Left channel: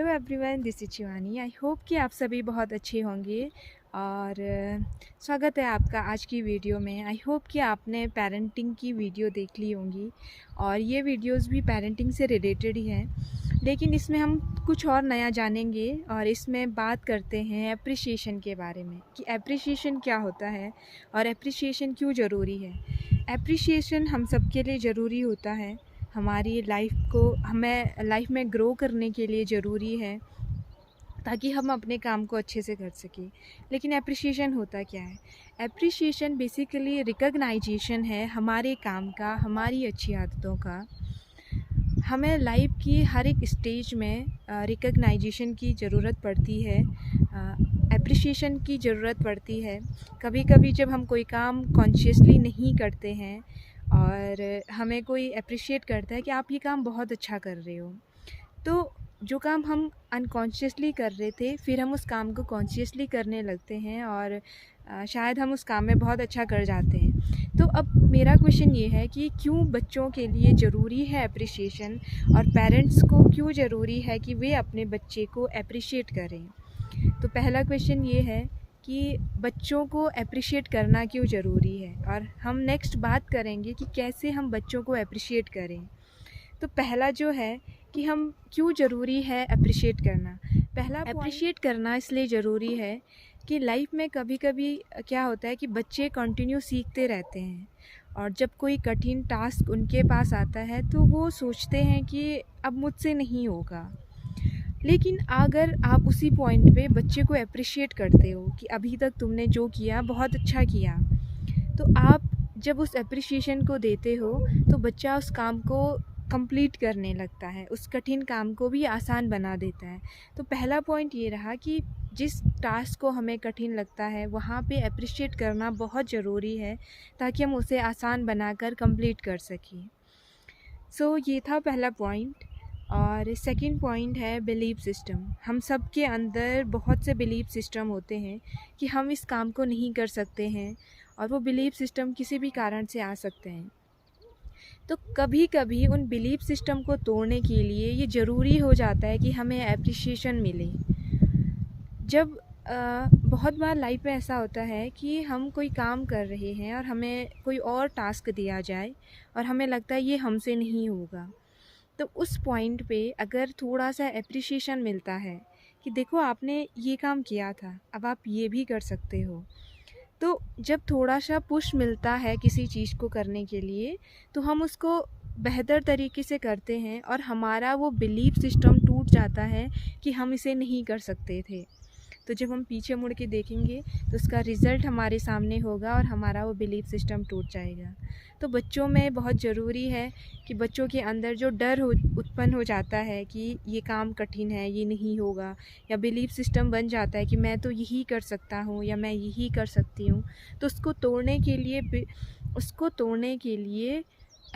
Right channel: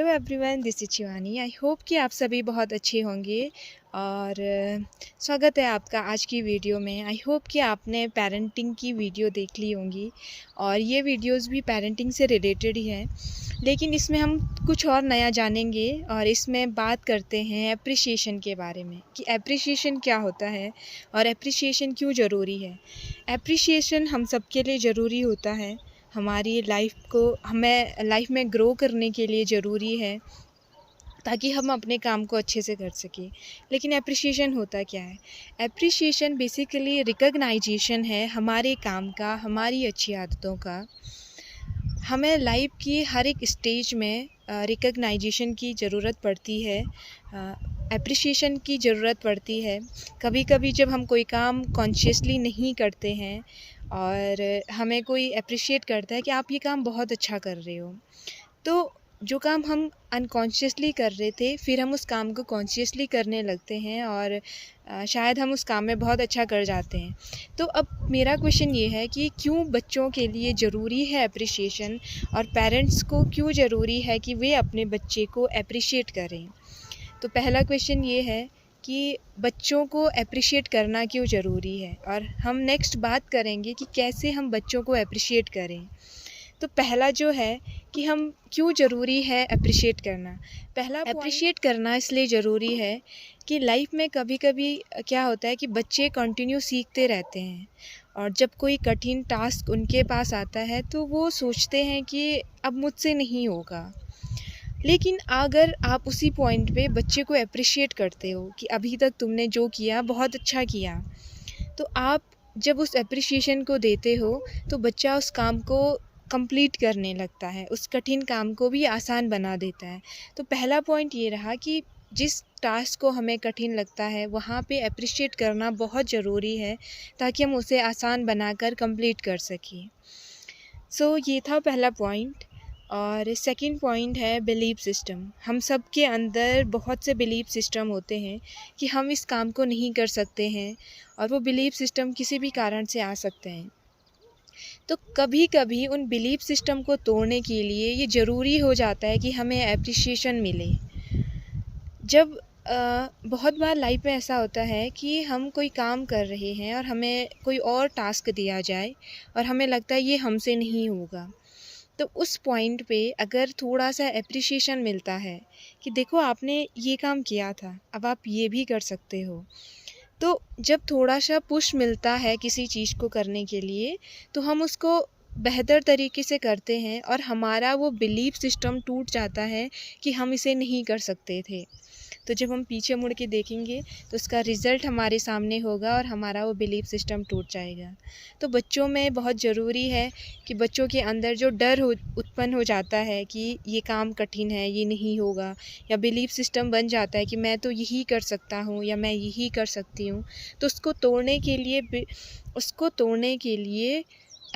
Hello everyone, this is Shivani. I hope कि आप सभी बहुत अच्छे होंगे और स्वागत है आपका आज की वीडियो में। आई होप कि आपने पेरेंटिंग की वीडियो देख ली होंगी और ये वीडियोस भी पेरेंटिंग से रिलेटेड ही हैं, लेकिन इसमें हम कुछ और नया जानेंगे और इसमें बात करते हैं एप्रिसिएशन के बारे में कि एप्रिसिएशन क्या होता है और एप्रिसिएशन क्यों ज़रूरी है। एप्रिसिएशन हम सबके लिए ज़रूरी होता है, हमारी हमें लाइफ में ग्रो करने के लिए ज़रूरी है ताकि हम अपने काम को अच्छे से कर सकें। लेकिन एप्रिसिएशन होता क्या है? एप्रिसिएशन बेसिकली रिकॉग्नाइजेशन है हमारे काम का, हमारी अच्छी आदतों का। हमें लाइफ की हर एक स्टेज में रिकॉग्नाइजेशन की ज़रूरत पड़ती है, एप्रिसिएशन की ज़रूरत पड़ती है। कभी कभी जब हम कोई काम कॉन्शियसली नहीं करते हैं और हमें कोई अप्रिशिएट करता है कि आप ये काम बहुत अच्छा कर रहे हो, तो जो काम हम अनकॉन्शियसली कर रहे थे फिर हम उस काम को कॉन्शियसली करने लगते हैं और शायद हम उस काम में बहुत अच्छा कर जाते हैं। तो अब मेरा क्वेश्चन ये है कि क्यों बच्चों के लिए ज़रूरी है अप्रिसिएशन और पेरेंट्स को क्यों ज़रूरी है कि वे अपने बच्चे को अप्रिशिएट करें। तो पहला क्वेश्चन ये है कि बच्चों को अप्रिशिएट करना क्यों ज़रूरी है और हम नेक्स्ट बात करेंगे कि कैसे हम बच्चों को अप्रिशिएट करें। तो पहला जो है कि हम क्यों ज़रूरी है अप्रिशिएट करना। पहला अप्रिशिएट करना इसलिए ज़रूरी है कि लाइफ में कभी कभी क्या होता है कि बच्चे कंटिन्यू सीखते रहते हैं और जब कोई कठिन टास्क उनके पास आता है तो वो सोचते हैं कि अब मुझसे नहीं होगा। लेकिन अगर आप उसी पॉइंट पे बच्चे को अप्रिशिएट करते हो कि अभी तक तुमने जो किया बहुत अच्छा किया, तो आप जब उस अप्रिसिएशन को देते हो तो बच्चा उस काम को कंप्लीट करने लगता है, उस कठिन काम को भी आसान बना देता है। तो पहला पॉइंट ये रहा कि जिस टास्क को हमें कठिन लगता है वहाँ पे अप्रिशिएट करना बहुत ज़रूरी है ताकि हम उसे आसान बनाकर कंप्लीट कर सकें। सो ये था पहला पॉइंट। और सेकंड पॉइंट है बिलीफ सिस्टम। हम सब के अंदर बहुत से बिलीफ सिस्टम होते हैं कि हम इस काम को नहीं कर सकते हैं और वो बिलीफ सिस्टम किसी भी कारण से आ सकते हैं। तो कभी कभी उन बिलीफ सिस्टम को तोड़ने के लिए ये ज़रूरी हो जाता है कि हमें एप्रिसिएशन मिले। जब बहुत बार लाइफ में ऐसा होता है कि हम कोई काम कर रहे हैं और हमें कोई और टास्क दिया जाए और हमें लगता है ये हमसे नहीं होगा, तो उस पॉइंट पे अगर थोड़ा सा एप्रिसिएशन मिलता है कि देखो आपने ये काम किया था, अब आप ये भी कर सकते हो, तो जब थोड़ा सा पुश मिलता है किसी चीज़ को करने के लिए तो हम उसको बेहतर तरीके से करते हैं और हमारा वो बिलीफ सिस्टम टूट जाता है कि हम इसे नहीं कर सकते थे। तो जब हम पीछे मुड़ के देखेंगे तो उसका रिज़ल्ट हमारे सामने होगा और हमारा वो बिलीफ सिस्टम टूट जाएगा। तो बच्चों में बहुत ज़रूरी है कि बच्चों के अंदर जो डर उत्पन्न हो जाता है कि ये काम कठिन है, ये नहीं होगा, या बिलीफ सिस्टम बन जाता है कि मैं तो यही कर सकता हूँ या मैं यही कर सकती हूँ, तो उसको तोड़ने के लिए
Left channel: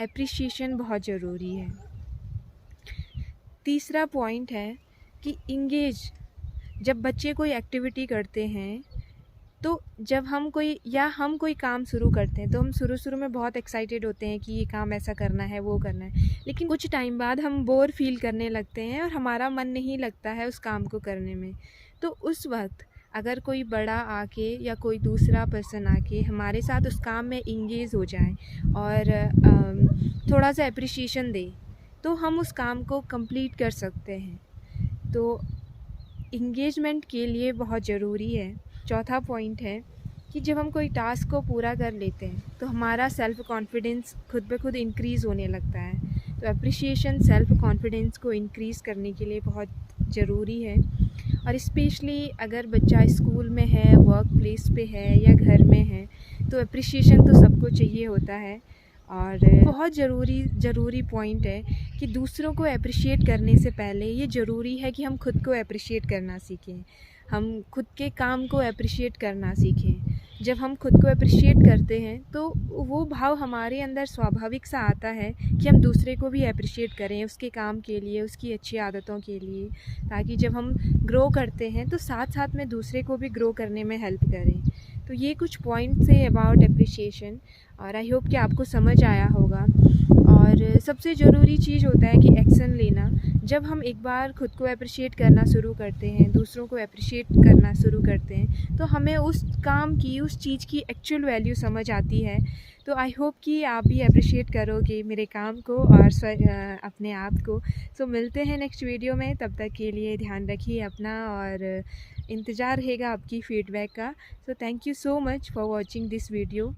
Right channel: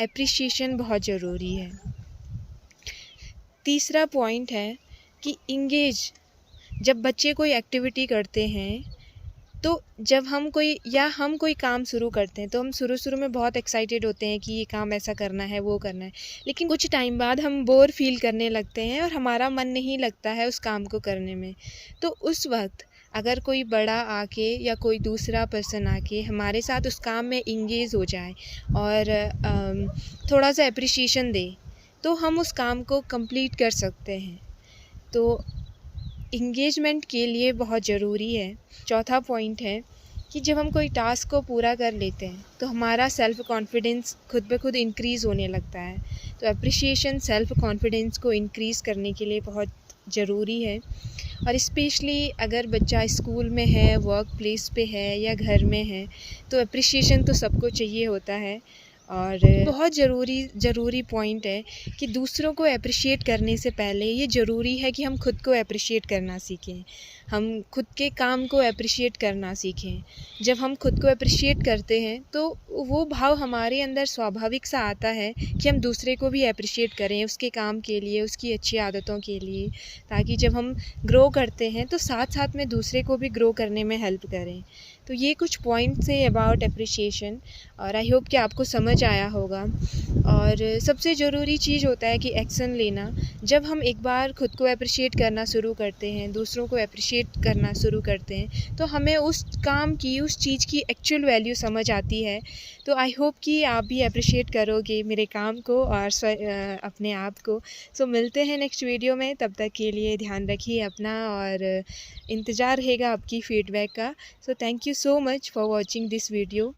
एप्रिसिएशन बहुत ज़रूरी है। तीसरा पॉइंट है कि इंगेज। जब बच्चे कोई एक्टिविटी करते हैं तो जब हम कोई काम शुरू करते हैं तो हम शुरू में बहुत एक्साइटेड होते हैं कि ये काम ऐसा करना है, वो करना है, लेकिन कुछ टाइम बाद हम बोर फील करने लगते हैं और हमारा मन नहीं लगता है उस काम को करने में। तो उस वक्त अगर कोई बड़ा आके या कोई दूसरा पर्सन आके हमारे साथ उस काम में इंगेज हो जाए और थोड़ा सा अप्रिसिएशन दे तो हम उस काम को कंप्लीट कर सकते हैं। तो इंगेजमेंट के लिए बहुत ज़रूरी है। चौथा पॉइंट है कि जब हम कोई टास्क को पूरा कर लेते हैं तो हमारा सेल्फ़ कॉन्फिडेंस खुद ब खुद इंक्रीज़ होने लगता है। तो एप्रिसिएशन सेल्फ़ कॉन्फिडेंस को इंक्रीज़ करने के लिए बहुत ज़रूरी है। और स्पेशली अगर बच्चा स्कूल में है, वर्क प्लेस पे है या घर में है, तो एप्रिसिएशन तो सबको चाहिए होता है। और बहुत ज़रूरी पॉइंट है कि दूसरों को अप्रिशिएट करने से पहले ये ज़रूरी है कि हम खुद को अप्रिशिएट करना सीखें, हम खुद के काम को अप्रिशिएट करना सीखें। जब हम खुद को अप्रिशिएट करते हैं तो वो भाव हमारे अंदर स्वाभाविक सा आता है कि हम दूसरे को भी अप्रिशिएट करें उसके काम के लिए, उसकी अच्छी आदतों के लिए, ताकि जब हम ग्रो करते हैं तो साथ साथ में दूसरे को भी ग्रो करने में हेल्प करें। तो ये कुछ पॉइंट्स है अबाउट अप्रिशिएशन और आई होप कि आपको समझ आया होगा। और सबसे ज़रूरी चीज़ होता है कि एक्शन लेना। जब हम एक बार खुद को एप्रिशिएट करना शुरू करते हैं, दूसरों को एप्रिशिएट करना शुरू करते हैं, तो हमें उस काम की, उस चीज़ की एक्चुअल वैल्यू समझ आती है। तो आई होप कि आप भी एप्रिशिएट करोगे मेरे काम को और अपने आप को। सो मिलते हैं नेक्स्ट वीडियो में, तब तक के लिए ध्यान रखिए अपना और इंतज़ार रहेगा आपकी फ़ीडबैक का। So thank you so much for watching this video.